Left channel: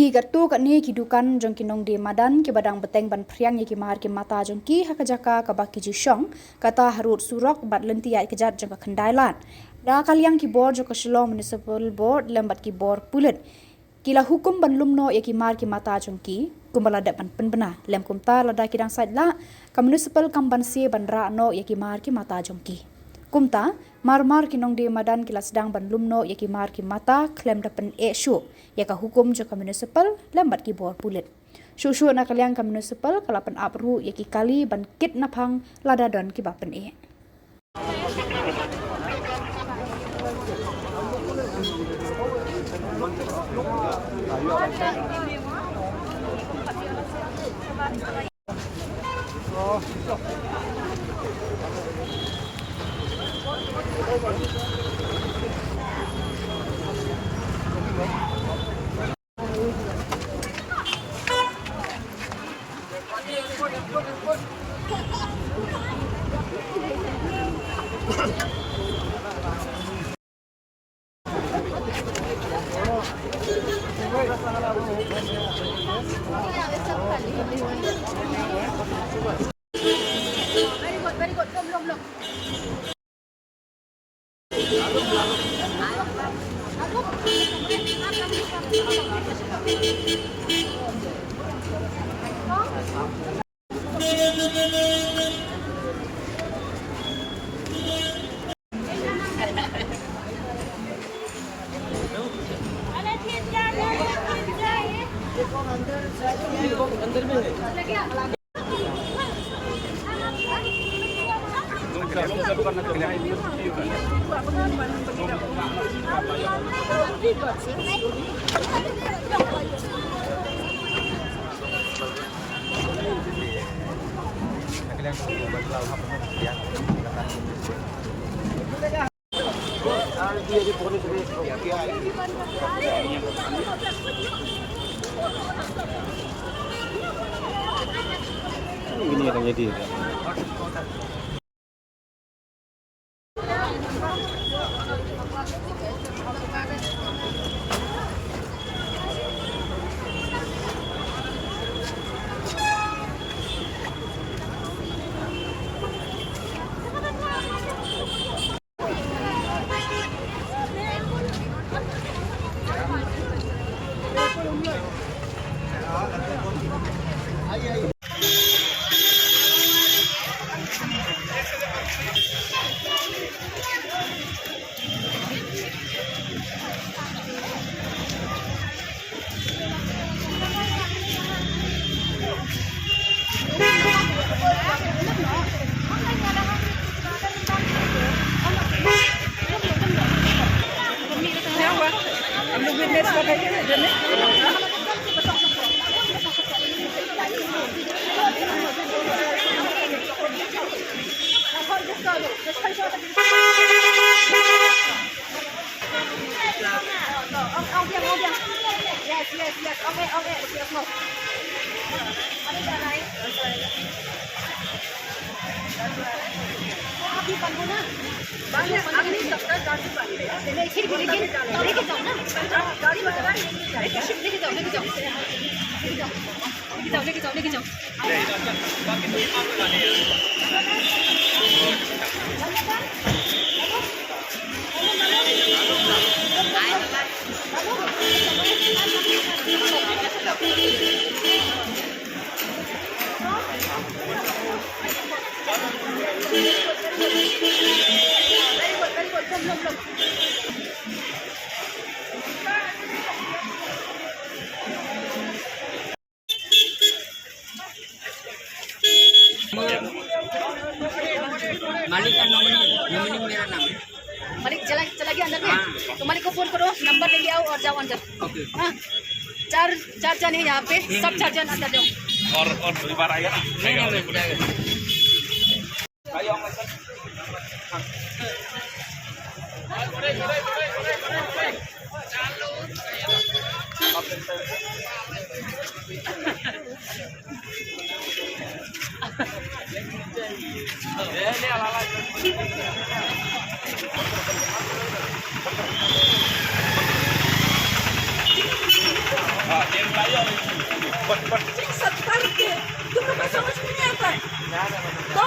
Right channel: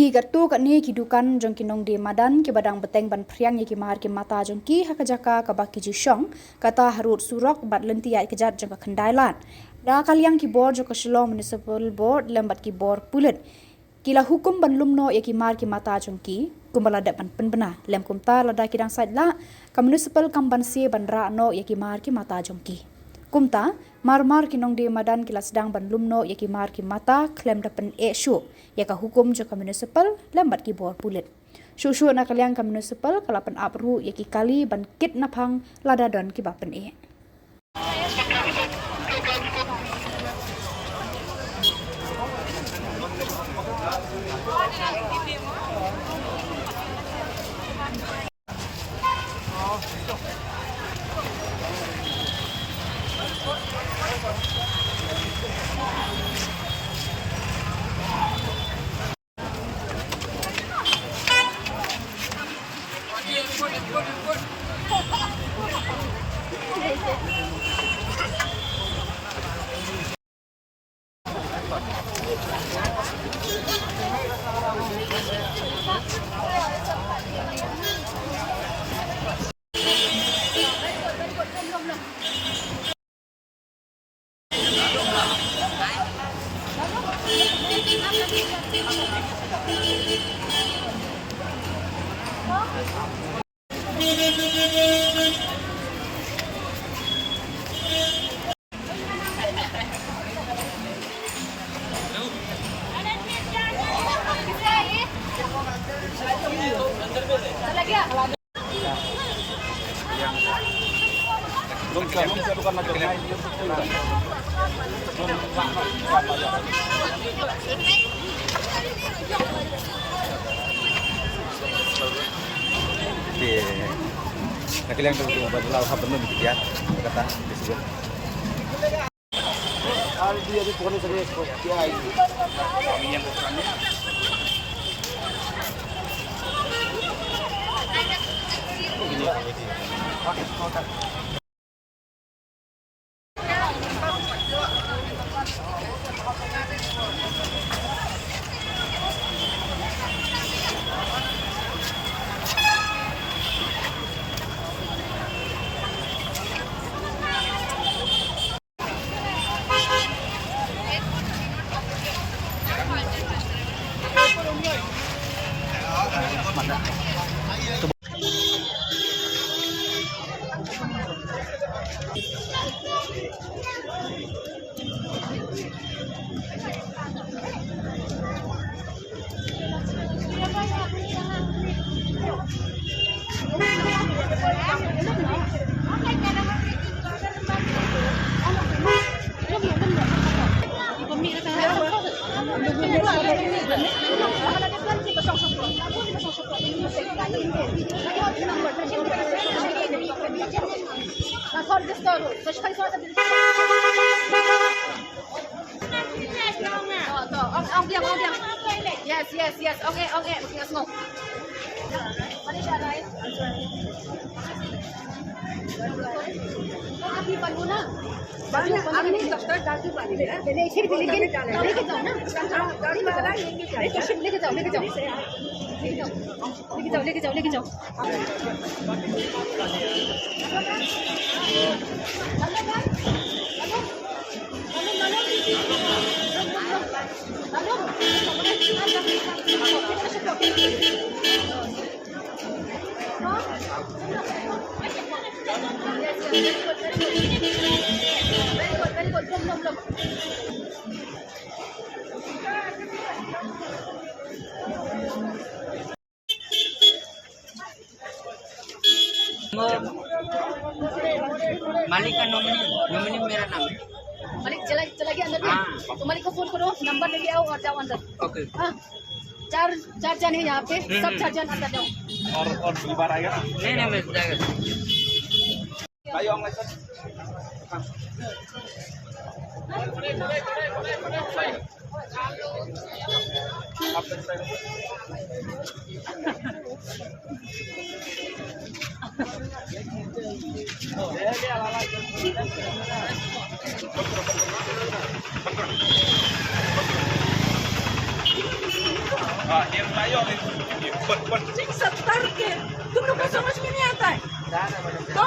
ki gartu ni ki dukan jong ki nong di madan ki badang beteng ban priang ki mahar ki mata jong ki hakajaka ka baki ji shong kata harut surok bat lenti ai kejat jong ka khandailan da kaliang ki board jong ka Shillong Municipal Board lembat ki board pulit kila hukum ban lumno ki mahar ki mata jong ki kumbala dat ban penbena lem kumta lada ki dang side la ka municipal kamban si ban ra no ki mahar ki mata jong ki kumta marmar ki nong di madan kila sedang ban lumno ki mahar ki mata klem dapen shu ka hukum jo ka municipal lembat ki bor pulit shu na kaliang ka municipal kalapan apru ki kali ban kit naphang lada don ki bapen Kalian kan berbau apa benar ya kata ini yang jadi Yes. Okay. Let's go. Api pan muna. Api daftar Dadi pan ले लेके जाओ ना गाड़ी में चला लेके जाओ मालिक का नॉमिनी मेरा नाम है। मालिक चला गया अंदर में तो मालिक को फोन करो नंबर लेके आओ और जाओ अंदर। ओके हाँ चार जन है यहाँ पे सब 4 जन अंदर जाओ और परिवार आएगा ना नहीं ayo ang lesson हाँ ये बताइए और ठीक 70 के तुम लोग को समझ में नहीं आता है तो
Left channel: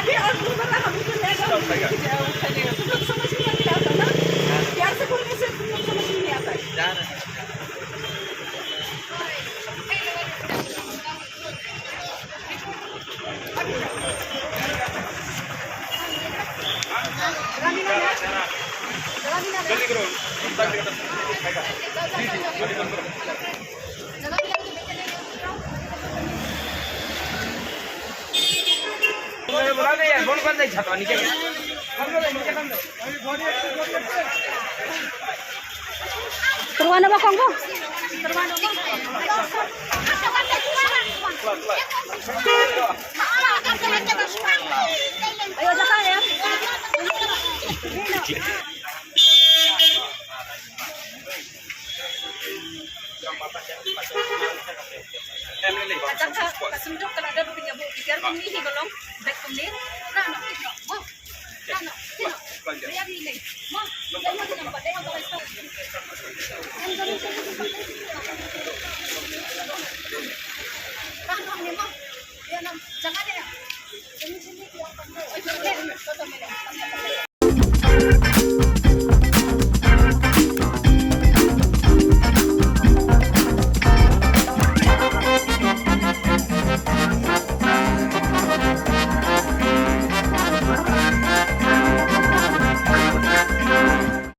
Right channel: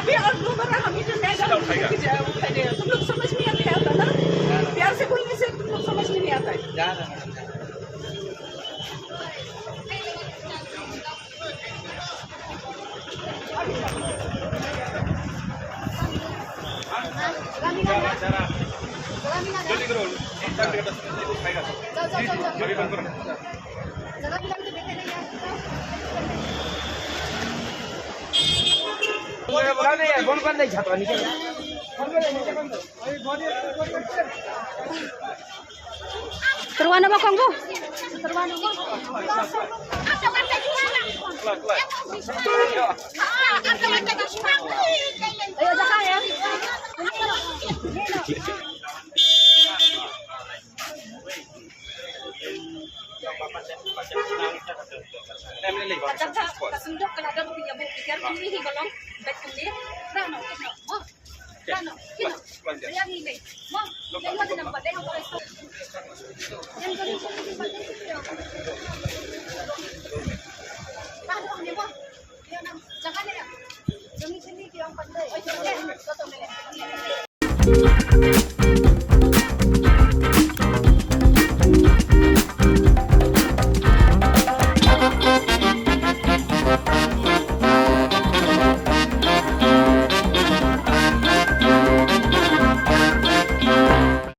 अभी और दोबारा हम ही जो लेगा उठाएंगे तुम लोग समझ में नहीं आता ना प्यार से बोलने से तुम लोग समझ में नहीं आता है जल्दी करो तक देता जी बंद करो मुझे बुला नहीं है फोन कर नहीं छाता नीचे हम लोग नीचे कम दे करवाना बा कंगो ayo jangan ya Kadang kasundok kalau ada punya bu pikir ini golong back kembali nah no kino mo nah no kino dia ni mo dia lagi nampak dia apa itu yang golong nah no ni mo dia nam jangan ya demi sini yang pandai